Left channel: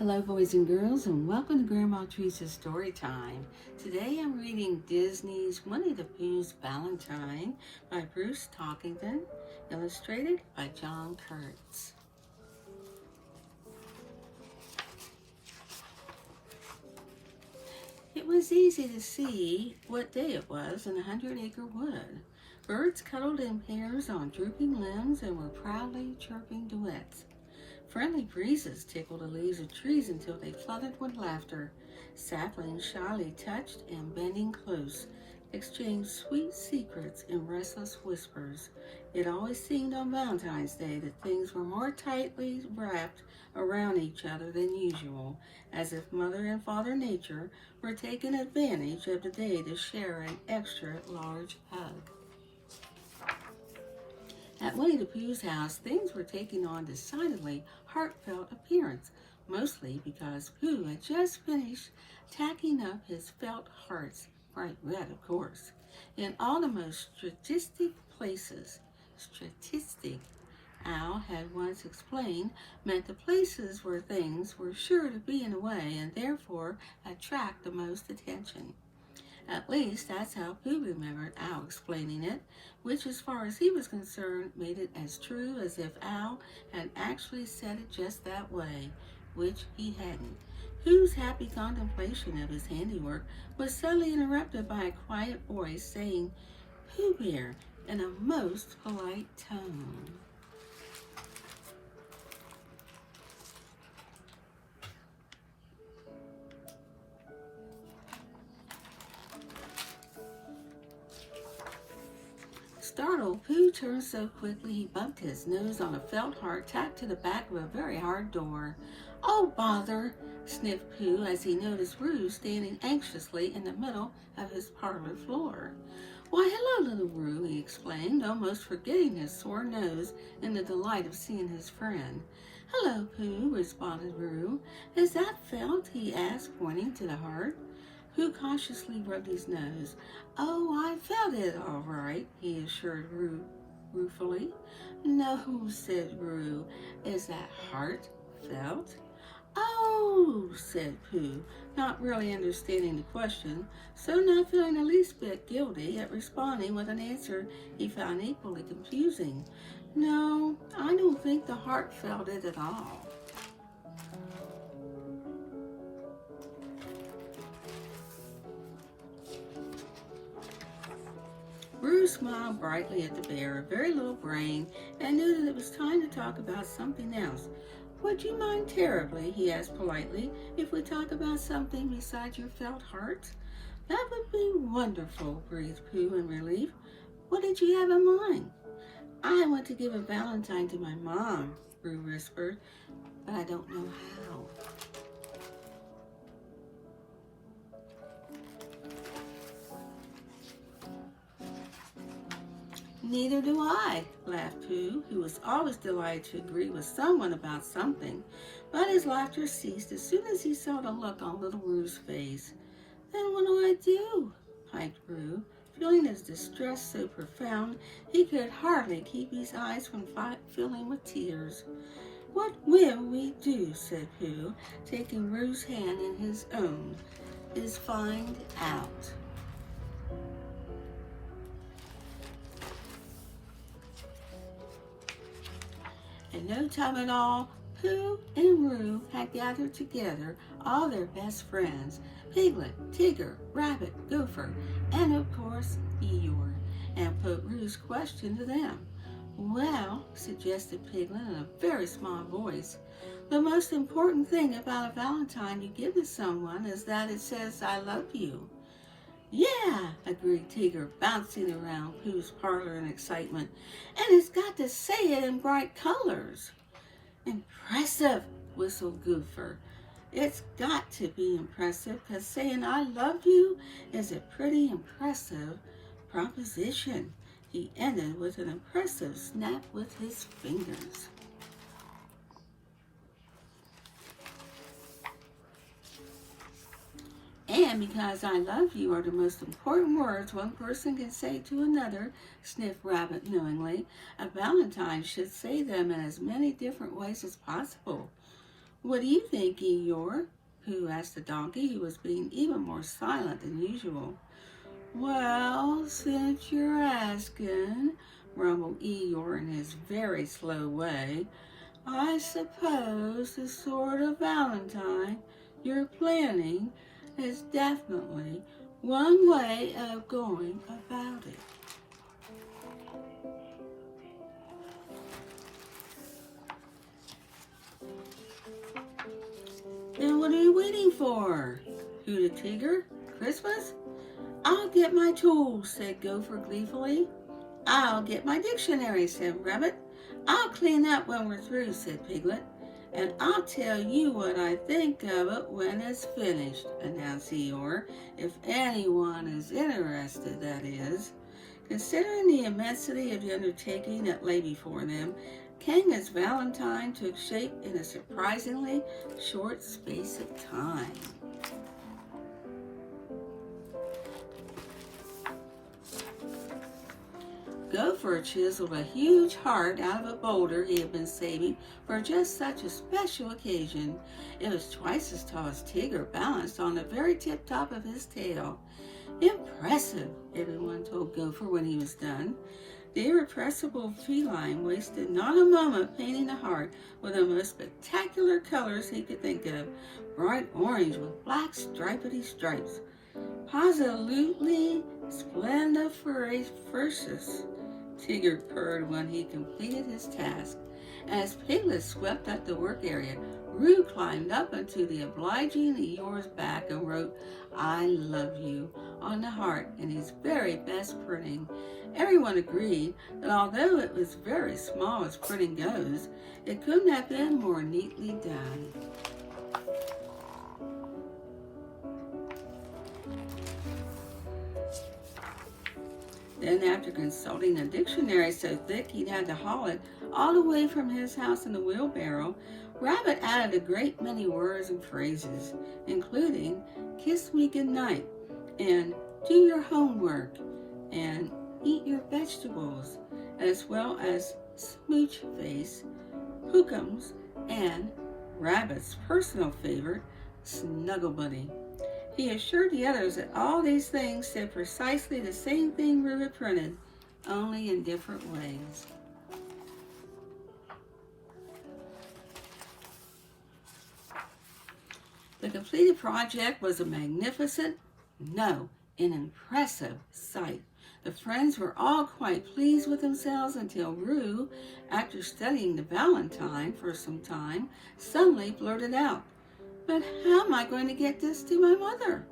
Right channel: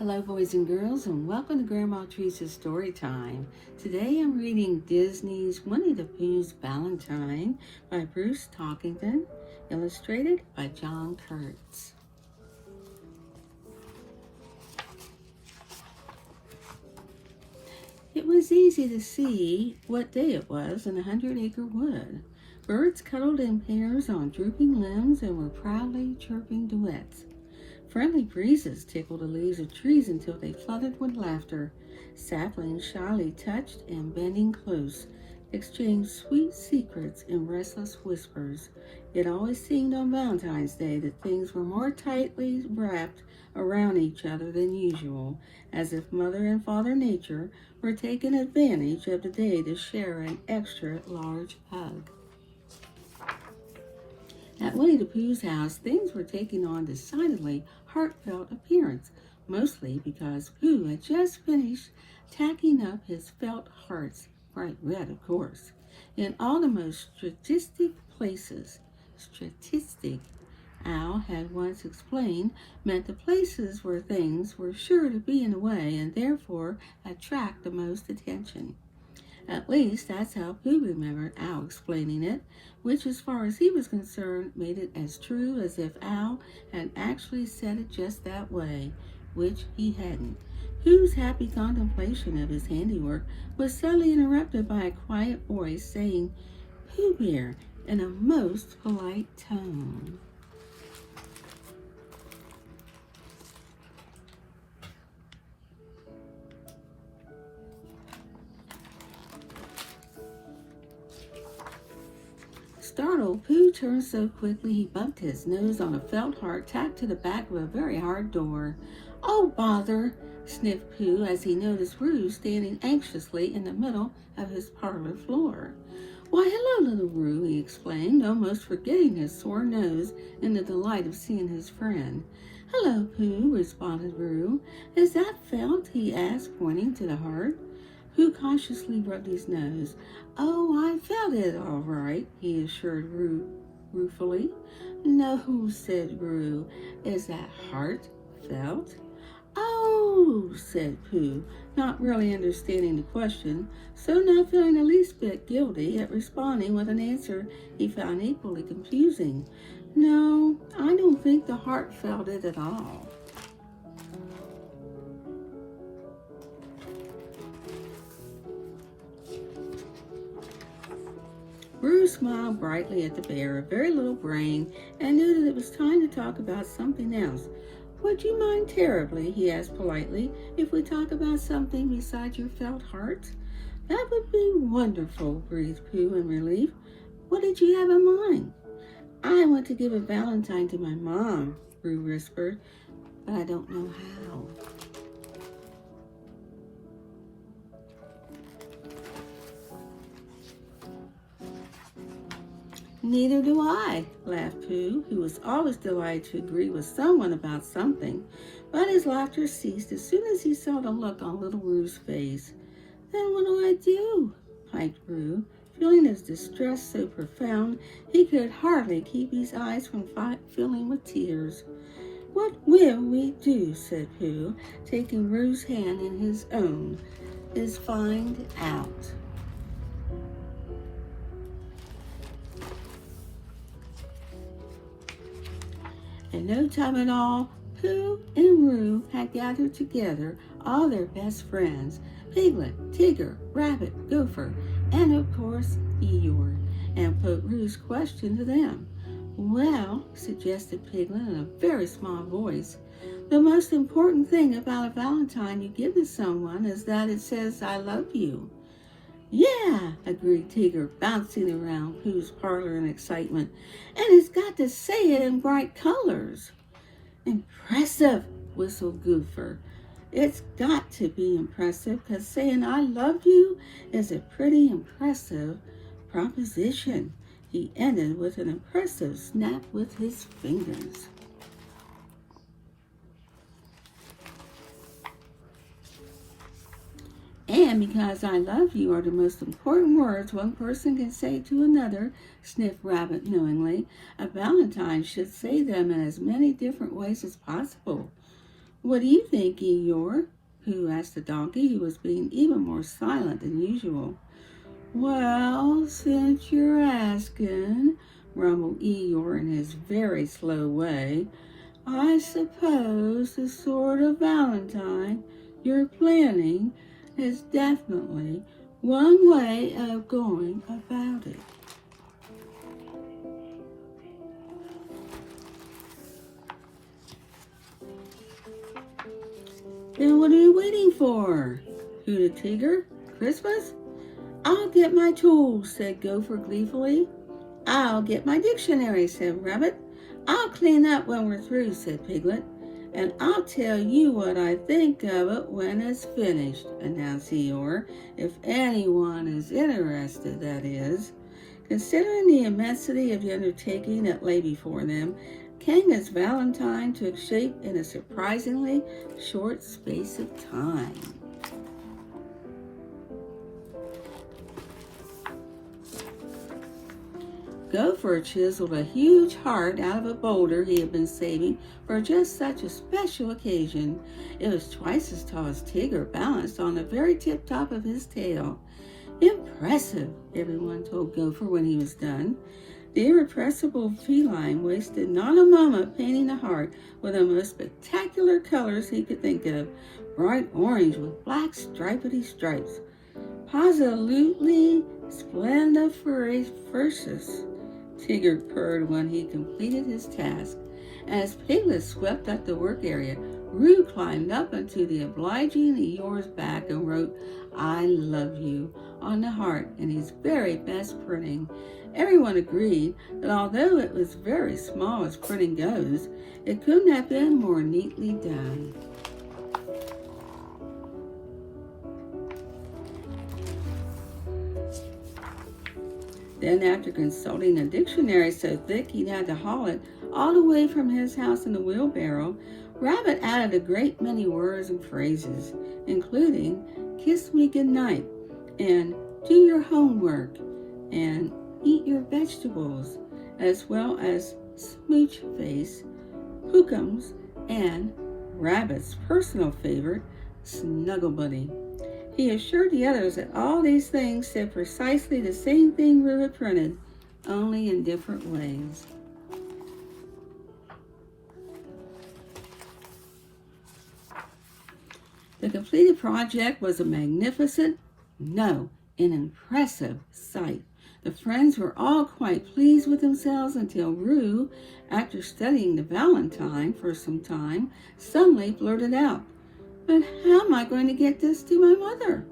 Hello, boys and girls, and welcome to Grandma Teresa's Story Time. Today I'm reading Disney's Winnie the Pooh's Valentine by Bruce Talkington, illustrated by John Kurtz. It was easy to see what day it was in a 100-acre wood. Birds cuddled in pairs on drooping limbs and were proudly chirping duets. Friendly breezes tickled the leaves of trees until they fluttered with laughter. Saplings shyly touched and, bending close, exchanged sweet secrets in restless whispers. It always seemed on Valentine's Day that things were more tightly wrapped around each other than usual, as if Mother and Father Nature were taking advantage of the day to share an extra large hug. At Winnie the Pooh's house, things were taking on decidedly heartfelt appearance, mostly because Pooh had just finished tacking up his felt hearts, bright red, of course, in all the most statistic places. Statistic, Al had once explained, meant the places where things were sure to be in the way and therefore attract the most attention. At least, that's how Pooh remembered Al explaining it, which, as far as he was concerned, made it as true as if Al had actually said it just that way, which he hadn't. Pooh's happy contemplation of his handiwork was suddenly interrupted by a quiet voice saying, "Pooh Bear," in a most polite tone. Startled, Pooh turned so quickly he bumped his nose on a felt heart tacked to the back of a very hard door. "Oh, bother!" sniffed Pooh as he noticed Roo standing anxiously in the middle of his parlor floor. "Why, hello, little Roo," he exclaimed, almost forgetting his sore nose in the delight of seeing his friend. "Hello, Pooh," responded Roo. "Is that felt?" he asked, pointing to the heart. Pooh cautiously rubbed his nose. "Oh, I felt it all right," he assured Roo ruefully. "No," said Roo. "Is that heart felt?" "Oh," said Pooh, not really understanding the question, so not feeling the least bit guilty at responding with an answer he found equally confusing. "No, I don't think the heart felt it at all." Bruce smiled brightly at the bear, a very little brain, and knew that it was time to talk about something else. "Would you mind terribly," he asked politely, "if we talk about something besides your felt heart?" "That would be wonderful," breathed Pooh in relief. "What did you have in mind?" "I want to give a valentine to my mom," Roo whispered, "but I don't know how." "Neither do I," laughed Pooh, who was always delighted to agree with someone about something, but his laughter ceased as soon as he saw the look on little Roo's face. "Then what do I do?" piped Roo, feeling his distress so profound he could hardly keep his eyes from filling with tears. "What will we do?" said Pooh, taking Roo's hand in his own, "is find out." In no time at all, Pooh and Roo had gathered together all their best friends, Piglet, Tigger, Rabbit, Gopher, and of course Eeyore, and put Roo's question to them. "Well," suggested Piglet in a very small voice, "the most important thing about a valentine you give to someone is that it says 'I love you.'" "Yeah," agreed Tigger, bouncing around Pooh's parlor in excitement. "And it's got to say it in bright colors." "Impressive," whistled Gopher. "It's got to be impressive, because saying 'I love you' is a pretty impressive proposition." He ended with an impressive snap with his fingers. "And because 'I love you' are the most important words one person can say to another," sniffed Rabbit knowingly, "a valentine should say them in as many different ways as possible." What do you think, Eeyore? Pooh asked the donkey, who was being even more silent than usual. Well, since you're asking, rumbled Eeyore in his very slow way, I suppose the sort of Valentine you're planning is definitely one way of going about it. Then what are you waiting for? Hooted Tigger. Christmas? I'll get my tools, said Gopher gleefully. I'll get my dictionary, said Rabbit. I'll clean up when we're through, said Piglet. And I'll tell you what I think of it when it's finished, announced Eeyore. If anyone is interested, that is. Considering the immensity of the undertaking that lay before them, Kanga's Valentine took shape in a surprisingly short space of time. Gopher chiseled a huge heart out of a boulder he had been saving for just such a special occasion. It was twice as tall as Tigger, balanced on the very tip-top of his tail. Impressive, everyone told Gopher when he was done. The irrepressible feline wasted not a moment painting the heart with the most spectacular colors he could think of, bright orange with black stripedy stripes. Positively splendiferous, Tigger purred when he completed his task. As Piglet swept up the work area, Roo climbed up into the obliging Eeyore's back and wrote, I love you, on the heart in his very best printing. Everyone agreed that although it was very small as printing goes, it couldn't have been more neatly done. Then, after consulting a dictionary so thick he'd had to haul it all the way from his house in a wheelbarrow, Rabbit added a great many words and phrases, including kiss me goodnight, and do your homework, and eat your vegetables, as well as smooch face, hookums, and Rabbit's personal favorite, snuggle buddy. He assured the others that all these things said precisely the same thing Roo had printed, only in different ways. The completed project was a magnificent, an impressive sight. The friends were all quite pleased with themselves until Roo, after studying the Valentine for some time, suddenly blurted out, But how am I going to get this to my mother?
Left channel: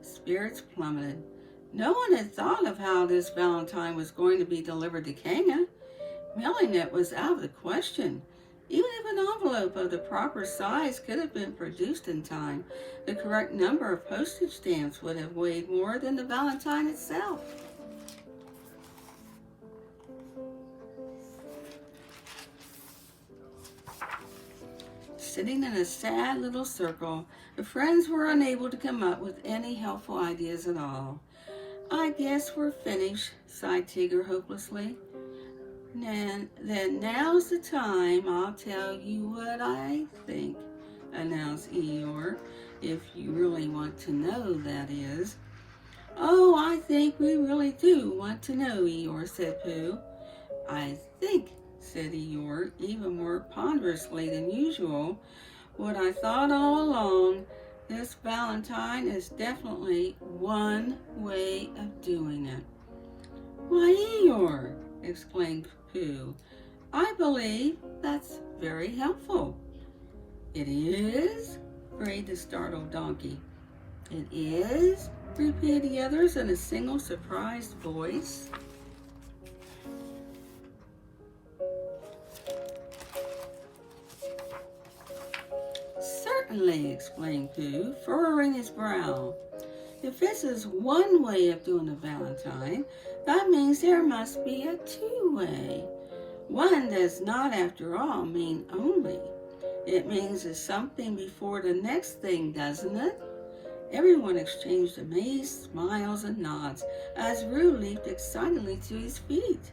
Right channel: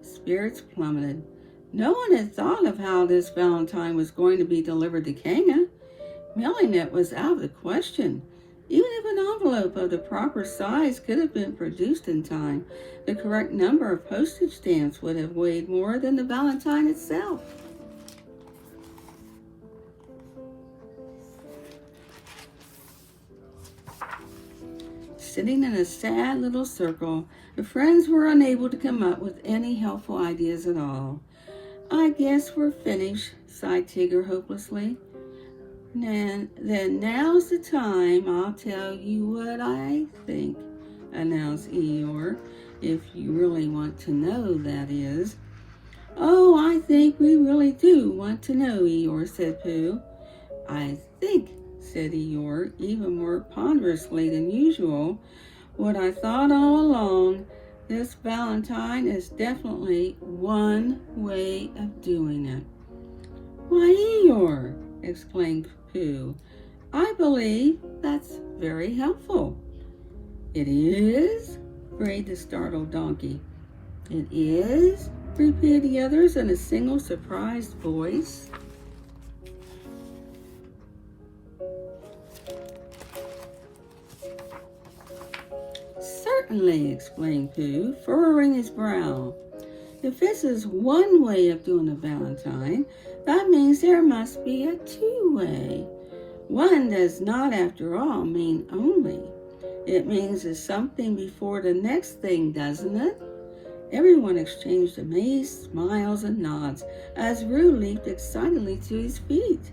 Spirits plummeted. No one had thought of how this Valentine was going to be delivered to Kanga. Mailing it was out of the question. Even if an envelope of the proper size could have been produced in time, the correct number of postage stamps would have weighed more than the Valentine itself. Sitting in a sad little circle, the friends were unable to come up with any helpful ideas at all. I guess we're finished, sighed Tigger hopelessly. Then now's the time I'll tell you what I think, announced Eeyore, if you really want to know, that is. Oh, I think we really do want to know, Eeyore, said Pooh. I think, said Eeyore, even more ponderously than usual, what I thought all along, this Valentine is definitely one way of doing it. Why, Eeyore, exclaimed Pooh, I believe that's very helpful. It is? brayed the startled donkey. It is? repeated the others in a single surprised voice. Certainly, explained Pooh, furrowing his brow. If this is one way of doing a Valentine, that means there must be a two-way. One does not, after all, mean only. It means there's something before the next thing, doesn't it? Everyone exchanged amazed smiles and nods as Roo leaped excitedly to his feet.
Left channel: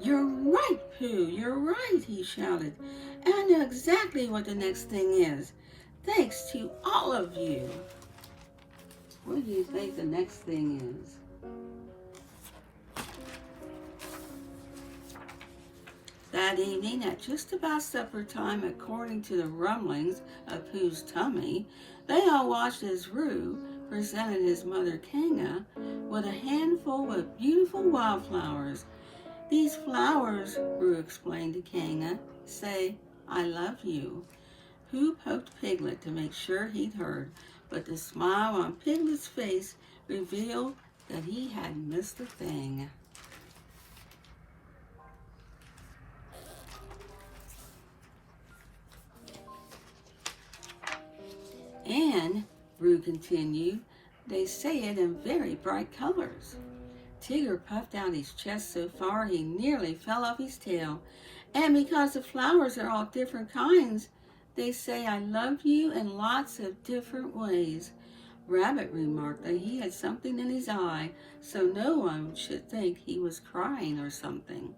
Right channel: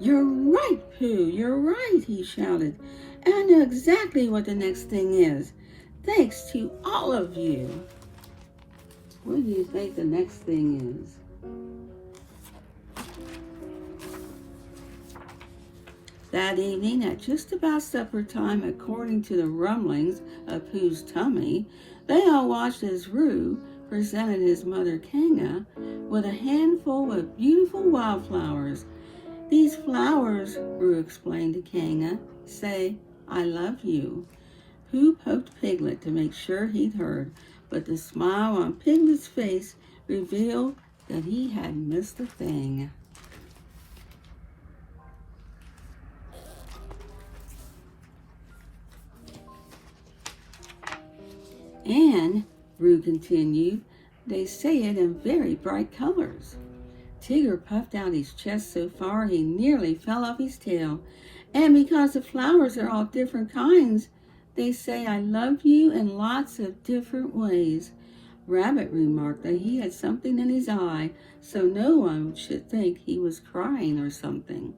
You're right, Pooh, you're right, he shouted. And I know exactly what the next thing is. Thanks to all of you. What do you think the next thing is? That evening, at just about supper time, according to the rumblings of Pooh's tummy, they all watched as Roo presented his mother Kanga with a handful of beautiful wildflowers. These flowers, Roo explained to Kanga, say, I love you. Pooh poked Piglet to make sure he'd heard, but the smile on Piglet's face revealed that he had missed a thing. And, Roo continued, they say it in very bright colors. Tigger puffed out his chest so far he nearly fell off his tail. And because the flowers are all different kinds, they say I love you in lots of different ways. Rabbit remarked that he had something in his eye, so no one should think he was crying or something.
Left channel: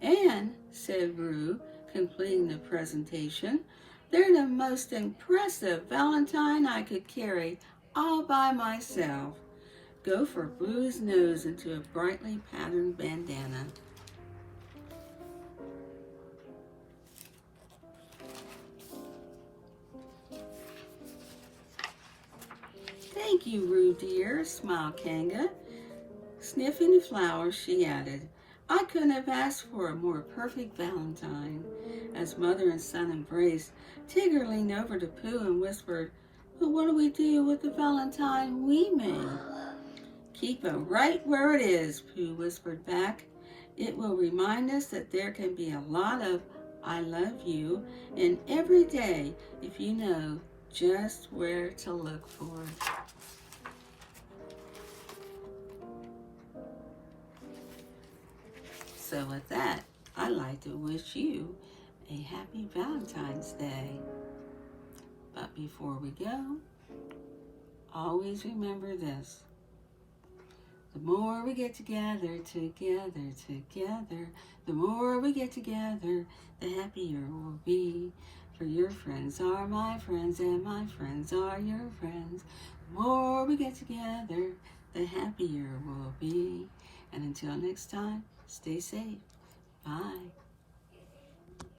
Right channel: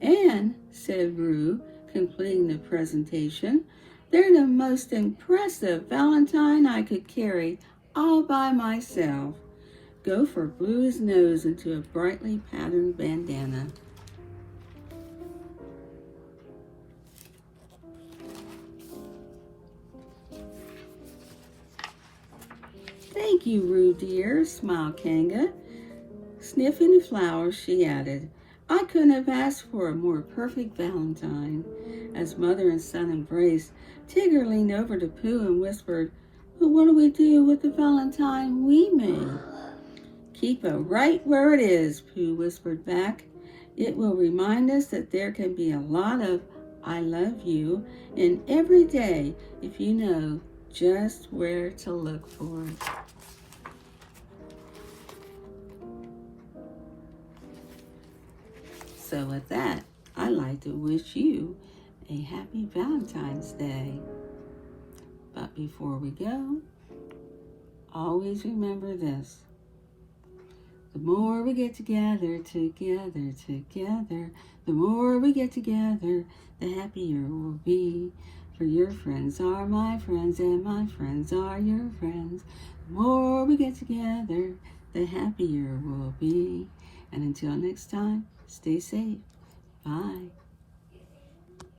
And, said Roo, completing the presentation, they're the most impressive Valentine I could carry all by myself. Gopher blew his nose into a brightly patterned bandana. Thank you, Roo dear, smiled Kanga. Sniffing the flowers, she added, I couldn't have asked for a more perfect Valentine. As mother and son embraced, Tigger leaned over to Pooh and whispered, but what do we do with the Valentine we made? Keep it right where it is, Pooh whispered back. It will remind us that there can be a lot of I love you in every day if you know just where to look for it. So with that, I'd like to wish you a happy Valentine's Day. But before we go, always remember this. The more we get together, the more we get together, the happier we'll be. For your friends are my friends and my friends are your friends. The more we get together, the happier we'll be. And until next time, stay safe. Bye.